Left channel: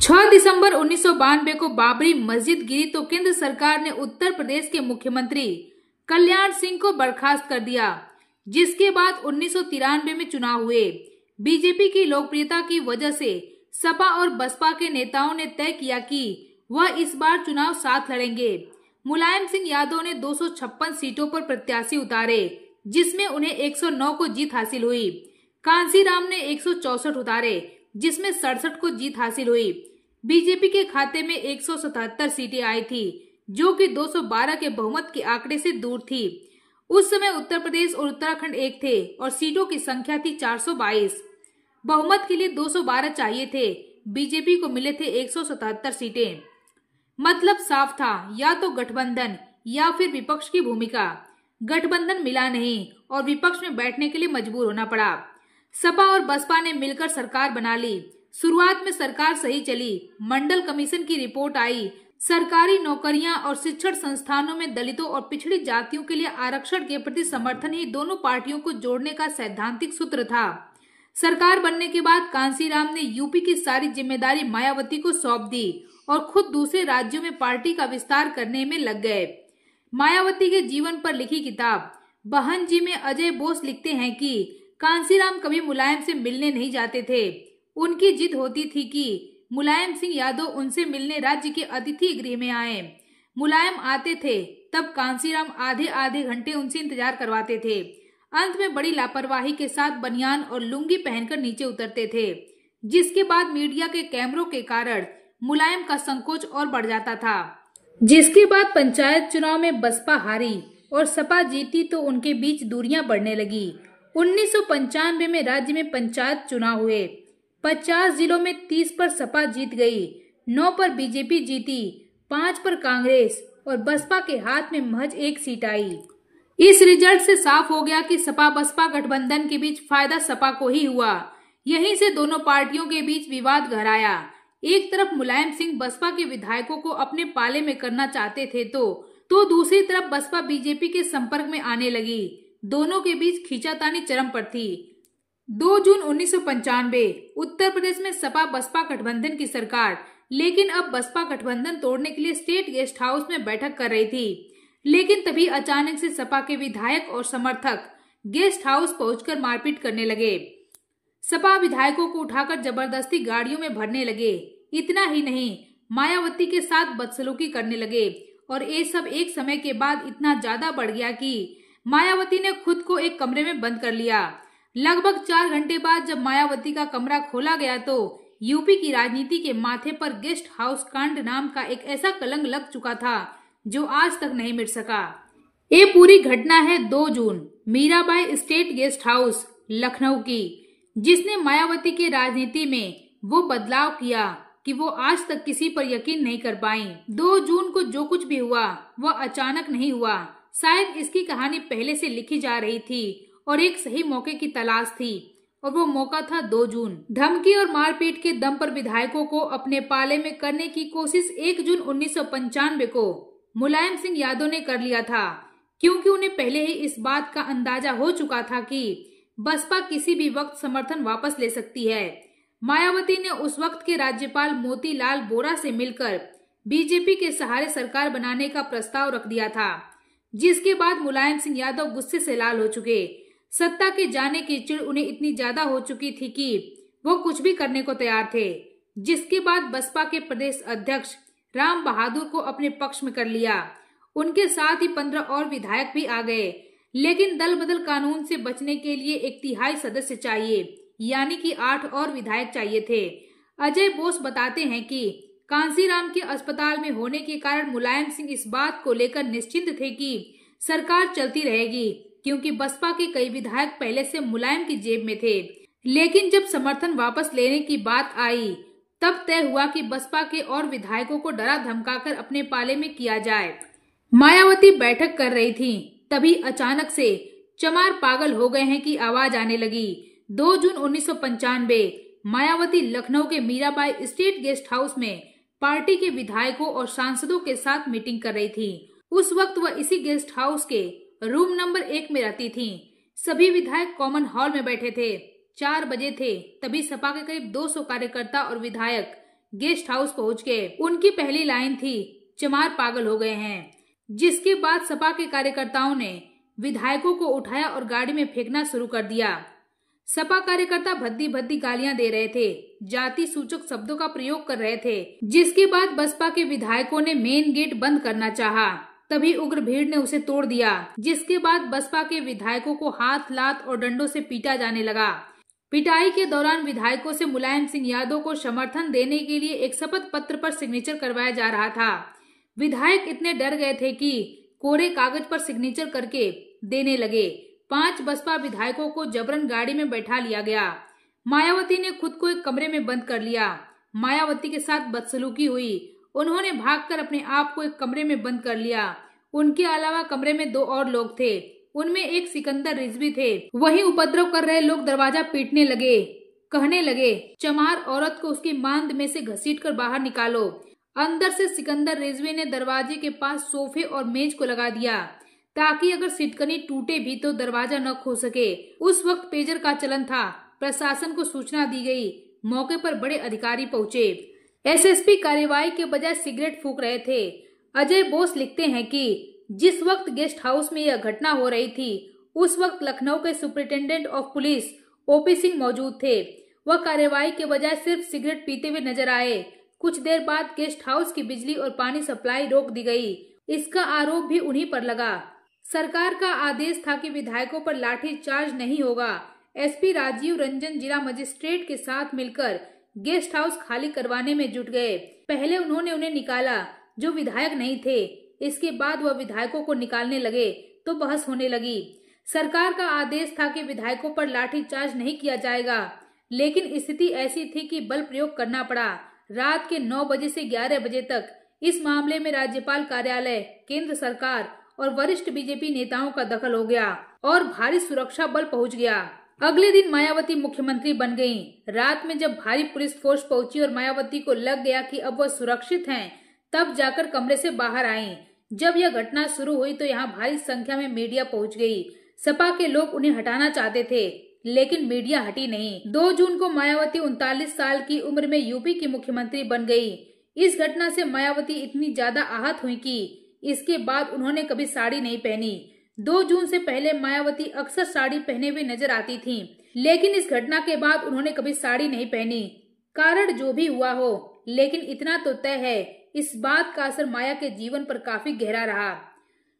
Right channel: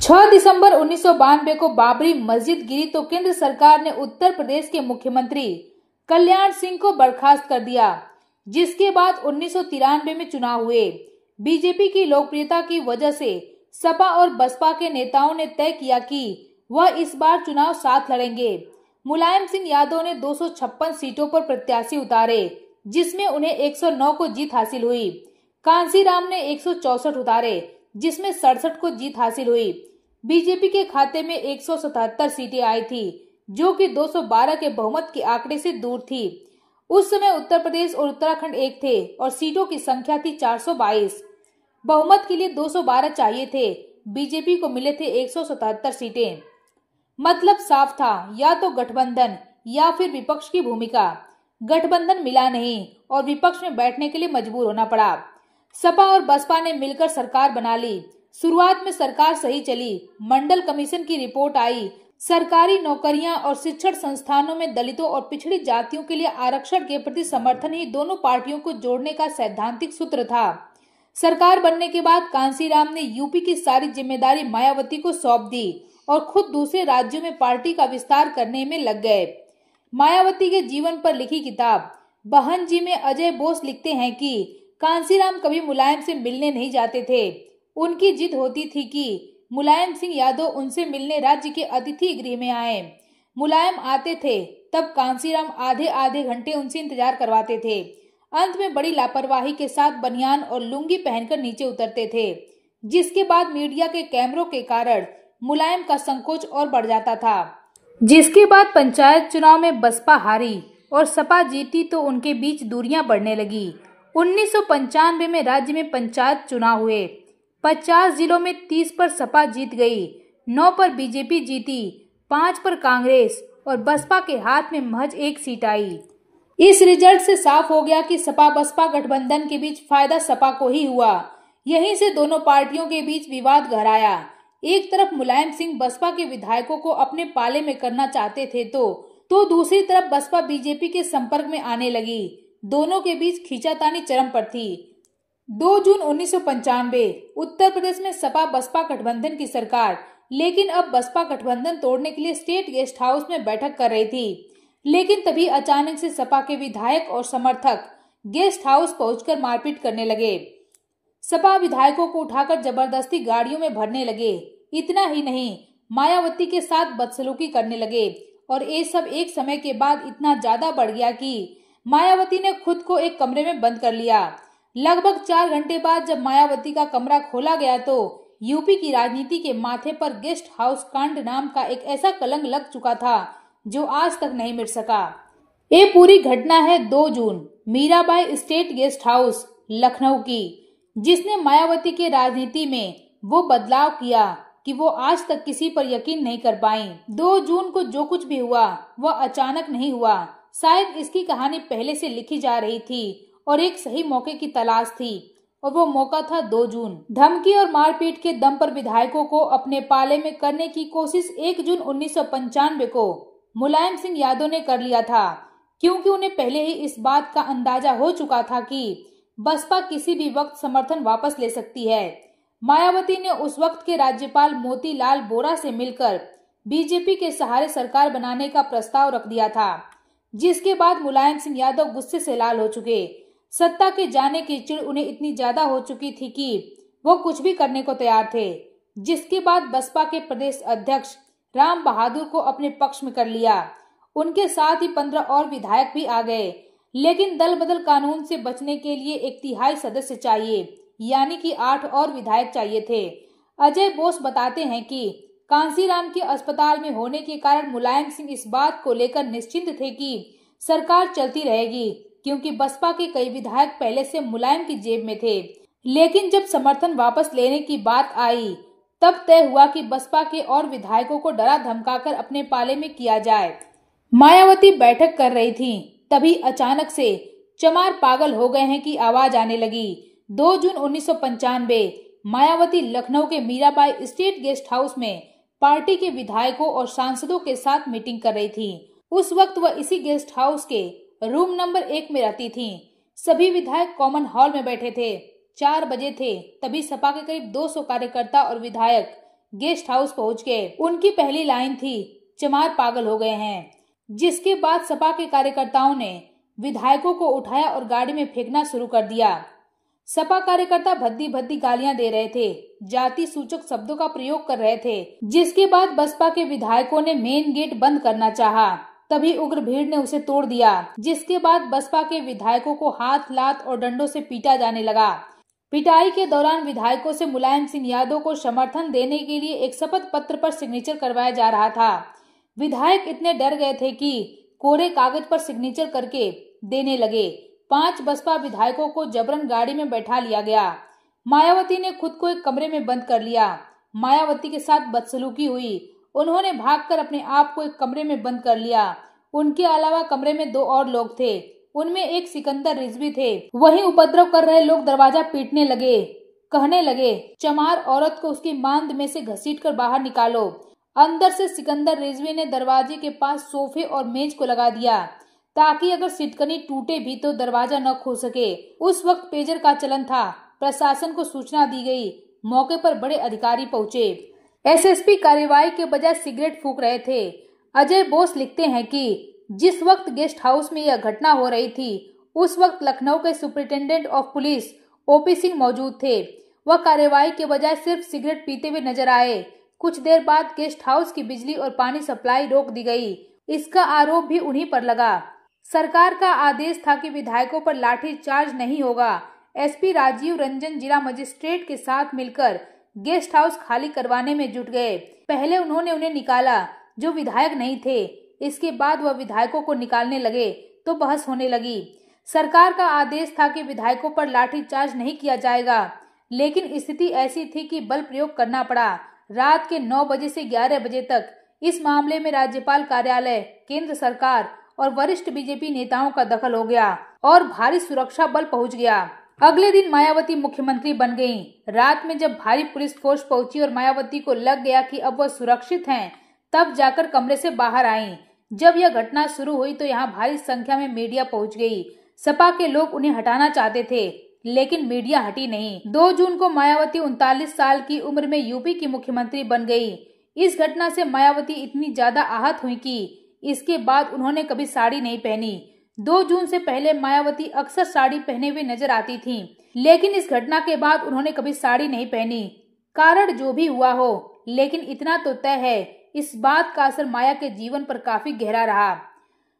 6 दिसंबर 1992 को बाबरी मस्जिद गिरी तो केंद्र सरकार ने उत्तर प्रदेश के मुख्यमंत्री कल्याण सिंह को बर्खास्त कर दिया, जिसके बाद 1993 में चुनाव हुए। बीजेपी की लोकप्रियता की वजह से सपा और बसपा के नेताओं ने तय किया कि वह इस बार चुनाव साथ लड़ेंगे। मुलायम सिंह यादव ने 256 सीटों पर प्रत्याशी उतारे, जिसमें उन्हें 109 को जीत हासिल हुई। कांसीराम ने 164 उतारे, जिसमें 67 को जीत हासिल हुई। बीजेपी के खाते में 177 सीटें आई थी, जो कि 212 के बहुमत के आंकड़े से दूर थी। उस समय उत्तर प्रदेश और उत्तराखंड एक थे और सीटों की संख्या थी 422। बहुमत के लिए 212 चाहिए थे, बीजेपी को मिले थे 177 सीटें। मतलब साफ था, या तो गठबंधन या फिर विपक्ष की भूमिका। गठबंधन मिला नहीं और विपक्ष में बैठने के लिए मजबूर होना पड़ा। सपा और बसपा ने मिलकर सरकार बना ली। शुरुआत में सरकार सही चली। मंडल कमीशन की रिपोर्ट आई। सरकारी नौकरियां और शिक्षण संस्थानों में दलितों और पिछड़ी जातियों के लिए आरक्षण के प्रति समर्थन ही दोनों पार्टियों को जोड़ने का सैद्धांतिक सूत्र था। सरकार बनने के बाद कांसीराम ने यूपी की सारी जिम्मेदारी मायावती को सौंप दी और खुद दूसरे राज्यों में पार्टी का विस्तार करने में लग गए। मायावती के जीवन पर लिखी किताब बहन जी में अजय बोस लिखते हैं कि कांसीराम कभी मुलायम से मिलने नहीं जाते थे। उनकी जिद होती थी कि मुलायम सिंह यादव उनसे मिलने राज्य के अतिथि गृह में आए। मुलायम आते थे तब कांसीराम आधे आधे घंटे उनसे इंतजार करवाते थे। अंत में बड़ी लापरवाही के साथ बनियान और लुंगी पहनकर नीचे उतरते थे, जिसके बाद मीडिया के कैमरों के कारण मुलायम का संकोच और बढ़ जाता था। जिसके बाद पंचायत चुनाव में बसपा हारी और सपा जीती तो उनके बीच दूरियां बढ़ने लगी। 1995 में राज्य में पंचायत चुनाव हुए। 50 जिलों में 30 पर सपा जीत गई, 9 पर बीजेपी जीती, 5 पर कांग्रेस और बसपा के हाथ में महज 1 सीट आई। इस रिजल्ट से साफ हो गया कि सपा बसपा गठबंधन के बीच फायदा सपा को ही हुआ। यहीं से दोनों पार्टियों के बीच विवाद गहराया। एक तरफ मुलायम सिंह बसपा के विधायकों को अपने पाले में करना चाहते थे तो दूसरी तरफ बसपा बीजेपी के संपर्क में आने लगी। दोनों के बीच खींचातानी चरम पर थी। 2 जून 1995 उत्तर प्रदेश में सपा बसपा गठबंधन की सरकार, लेकिन अब बसपा गठबंधन तोड़ने के लिए स्टेट गेस्ट हाउस में बैठक कर रही थी। लेकिन तभी अचानक से सपा के विधायक और समर्थक गेस्ट हाउस पहुंचकर मारपीट करने लगे। सपा विधायकों को उठाकर जबरदस्ती गाड़ियों में भरने लगे। इतना ही नहीं, मायावती के साथ बदसलूकी करने लगे और ये सब एक समय के बाद इतना ज्यादा बढ़ गया कि मायावती ने खुद को एक कमरे में बंद कर लिया। लगभग 4 घंटे बाद जब मायावती का कमरा खोला गया तो यूपी की राजनीति के माथे पर गेस्ट हाउस कांड नाम का एक ऐसा कलंक लग चुका था जो आज तक नहीं मिट सका। ये पूरी घटना है 2 जून Mirabai state guest house Lucknow की, जिसने मायावती के राजनीति में वो बदलाव किया कि वो आज तक किसी पर यकीन नहीं कर पाई। 2 जून को जो कुछ भी हुआ वह अचानक नहीं हुआ। शायद इसकी कहानी पहले से लिखी जा रही थी और एक सही मौके की तलाश थी, और वो मौका था 2 जून। धमकी और मारपीट के दम पर विधायकों को अपने पाले में करने की कोशिश 1 जून 1995 को मुलायम सिंह यादव ने कर लिया था, क्योंकि उन्हें पहले ही इस बात का अंदाजा हो चुका था कि बसपा किसी भी वक्त समर्थन वापस ले सकती है। मायावती ने उस वक्त के राज्यपाल मोतीलाल वोरा से मिलकर बीजेपी के सहारे सरकार बनाने का प्रस्ताव रख दिया था, जिसके बाद मुलायम सिंह यादव गुस्से से लाल हो चुके। सत्ता के जाने की चिढ़ उन्हें इतनी ज्यादा हो चुकी थी कि वो कुछ भी करने को तैयार थे, जिसके बाद बसपा के प्रदेश अध्यक्ष राम बहादुर को अपने पक्ष में कर लिया। उनके साथ ही 15 और विधायक भी आ गए, लेकिन दल बदल कानून से बचने के लिए 1/3 सदस्य चाहिए, यानी कि 8 और विधायक चाहिए थे। अजय बोस बताते हैं कि कांसीराम के अस्पताल में होने के कारण मुलायम सिंह इस बात को लेकर निश्चिंत थे कि सरकार चलती रहेगी, क्योंकि बसपा के कई विधायक पहले से मुलायम की जेब में थे। लेकिन जब समर्थन वापस लेने की बात आई तब तय हुआ कि बसपा के और विधायकों को डरा धमकाकर अपने पाले में किया जाए। मायावती बैठक कर रही थी, तभी अचानक से चमार पागल हो गए हैं कि आवाज आने लगी। 2 जून 1995 मायावती लखनऊ के मीराबाई स्टेट गेस्ट हाउस में पार्टी के विधायकों और सांसदों के साथ मीटिंग कर रही थी। उस वक्त वह इसी गेस्ट हाउस के रूम नंबर 1 में रहती थी। सभी विधायक कॉमन हॉल में बैठे थे। 4 बजे थे, तभी सपा के करीब 200 कार्यकर्ता और विधायक गेस्ट हाउस पहुंच गए। उनकी पहली लाइन थी, चमार पागल हो गए हैं। जिसके बाद सपा के कार्यकर्ताओं ने विधायकों को उठाया और गाड़ी में फेंकना शुरू कर दिया। सपा कार्यकर्ता भद्दी भद्दी गालियां दे रहे थे, जाति सूचक शब्दों का प्रयोग कर रहे थे। जिसके बाद बसपा के विधायकों ने मेन गेट बंद करना चाहा, तभी उग्र भीड़ ने उसे तोड़ दिया। जिसके बाद बसपा के विधायकों को हाथ, लात और डंडों से पीटा जाने लगा। पिटाई के दौरान विधायकों से मुलायम सिंह यादव को समर्थन देने के लिए एक शपथ पत्र पर सिग्नेचर करवाया जा रहा था। विधायक इतने डर गए थे कि कोरे कागज पर सिग्नेचर करके देने लगे। 5 बसपा विधायकों को जबरन गाड़ी में बैठा लिया गया। मायावती ने खुद को एक कमरे में बंद कर लिया। मायावती के साथ बदसलूकी हुई। उन्होंने भागकर अपने आप को एक कमरे में बंद कर लिया। उनके अलावा कमरे में 2 और लोग थे, उनमें एक सिकंदर रिजवी थे। वहीं उपद्रव कर रहे लोग दरवाजा पीटने लगे, कहने लगे, चमार औरत को उसकी मांद में से घसीटकर बाहर निकालो। अंदर से सिकंदर रिजवी ने दरवाजे के पास सोफे और मेज को लगा दिया ताकि अगर सिटकनी टूटे भी तो दरवाजा न खो सके। उस वक्त पेजर का चलन था। प्रशासन को सूचना दी गई। मौके पर बड़े अधिकारी पहुंचे। एसएसपी कार्यवाही के बजाय सिगरेट फूंक रहे थे। अजय बोस लिखते हैं कि जिस वक्त गेस्ट हाउस में यह घटना हो रही थी उस वक्त लखनऊ के superintendent of police OP Singh मौजूद थे। वह कार्यवाही के बजाय सिर्फ सिगरेट पीते हुए नजर आए। कुछ देर बाद गेस्ट हाउस की बिजली और पानी सप्लाई रोक दी गई। इसका आरोप भी उन्हीं पर लगा। सरकार का आदेश था कि विधायकों पर लाठी चार्ज नहीं होगा। एसपी राजीव रंजन जिला मजिस्ट्रेट के साथ मिलकर गेस्ट हाउस खाली करवाने में जुट गए। पहले उन्होंने उन्हें निकाला जो विधायक नहीं थे। इसके बाद वह विधायकों को निकालने लगे तो बहस होने लगी। सरकार का आदेश था कि विधायकों पर लाठी चार्ज नहीं किया जाएगा, लेकिन स्थिति ऐसी थी कि बल प्रयोग करना पड़ा। रात के 9 बजे से 11 बजे तक इस मामले में राज्यपाल कार्यालय, केंद्र सरकार और वरिष्ठ बीजेपी नेताओं का दखल हो गया और भारी सुरक्षा बल पहुंच गया। अगले दिन मायावती मुख्यमंत्री बन गईं। रात में जब भारी पुलिस फोर्स पहुंची और मायावती को लग गया कि अब वह सुरक्षित हैं, तब जाकर कमरे से बाहर आईं। जब यह घटना शुरू हुई तो यहाँ भारी संख्या में मीडिया पहुंच गई। सपा के लोग उन्हें हटाना चाहते थे, लेकिन मीडिया हटी नहीं। 2 जून को मायावती 39 साल की उम्र में यूपी की मुख्यमंत्री बन गई। इस घटना से मायावती इतनी ज्यादा आहत हुई कि इसके बाद उन्होंने कभी साड़ी नहीं पहनी। 2 जून से पहले मायावती अक्सर साड़ी पहने हुए नजर आती थीं, लेकिन इस घटना के बाद उन्होंने कभी साड़ी नहीं पहनी। कारण जो भी हुआ हो, लेकिन इतना तो तय है, इस बात का असर माया के जीवन पर काफी गहरा रहा।